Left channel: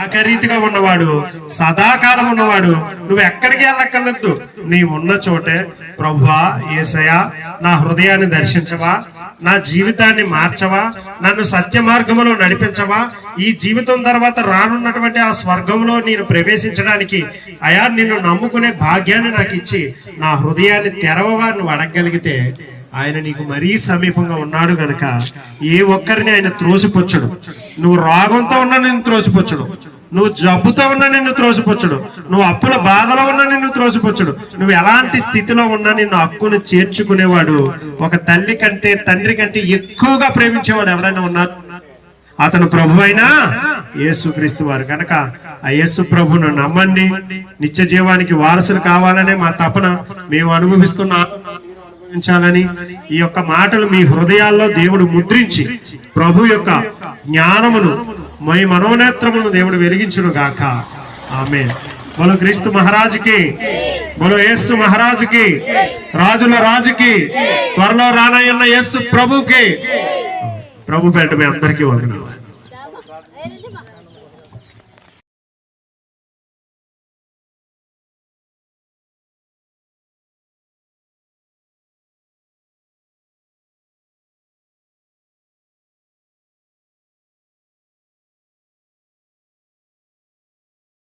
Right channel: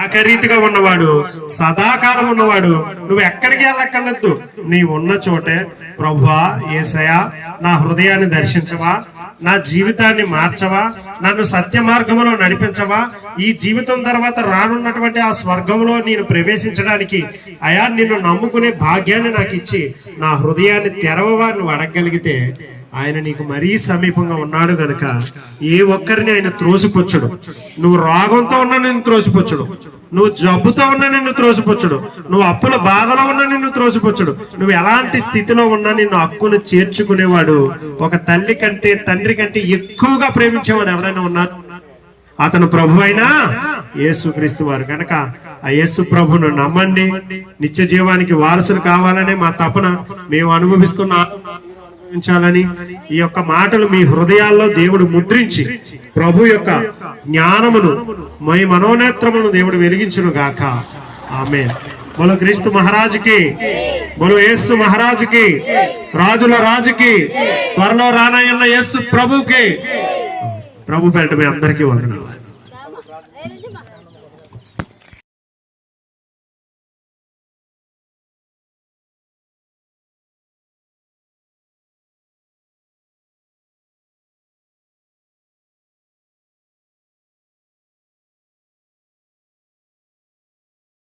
ఏకరీతిగా ఉన్నవాడు, సదాకాలం ఉన్నవాడు. నువ్వు ఎక్కడికి వెళ్ళక్కర్లేదు, నీ ఉన్న చోటే ప్రభువా యేసయ్యా నా హృదయాన్ని దర్శించవా, నా జీవితాన్ని మార్చవా, నన్ను సత్య మార్గంలో నడిపించవా, ఈ జీవితం తర్వాత రానున్నటువంటి ఆ స్వర్గంలో నేను ప్రవేశించడానికి అయా నిన్ను నమ్ముకునే భాగ్యాన్ని నాకు ఇచ్చి నా హృదయాన్ని తెరవవా నువ్వు అడగగలిగితే ఆయన నీకు మరీ సమీపంగా ఉన్నాడు గనక ఏ ఒక్కరిని ఆయన త్రోసిపుచ్చడు. నువ్వు రోగంతో ఉన్నా నిన్ను త్రోసిపుచ్చడు, నువ్వు జబ్బుతో ఉన్నా నిన్ను త్రోసిపుచ్చడు, నువ్వు అప్పుల బాధలో ఉన్నా నిన్ను త్రోసిపుచ్చడు. నువ్వు ఎలాంటి స్థితిలో ఉన్నా నిన్ను హక్కును చేర్చుకునేవాడు, ఒక తల్లి కంటే తండ్రి కంటే ఎక్కువగా ప్రేమించేవాడు ఎవరైనా ఉన్నారు, అతను ప్రభు అయినా యేసుక్రీస్తు వారు. కనుక ఆ యేసు ప్రభును నమ్మండి, నిత్య జీవానికి వారసులు కావాలనే మా తపన. మేము అనుభవిస్తున్న ాలని ఈ యొక్క మాటలు మీ హృదయాల్లో దేవుడు ముద్రించి ప్రభు యొక్క జ్ఞానమును మీ మనోనేత్రమును దేవుడు వెలిగించును గాక. ఆమేన్. బోలో క్రీస్తు మహారాజుకి, బోలో యేసు మహారాజుకి, రాజుల రాజుకి, త్వరలో రానయ్యున్న యేసు ప్రభుకి. ప్రభు పేరిట మీ అందరికీ వందనాలు.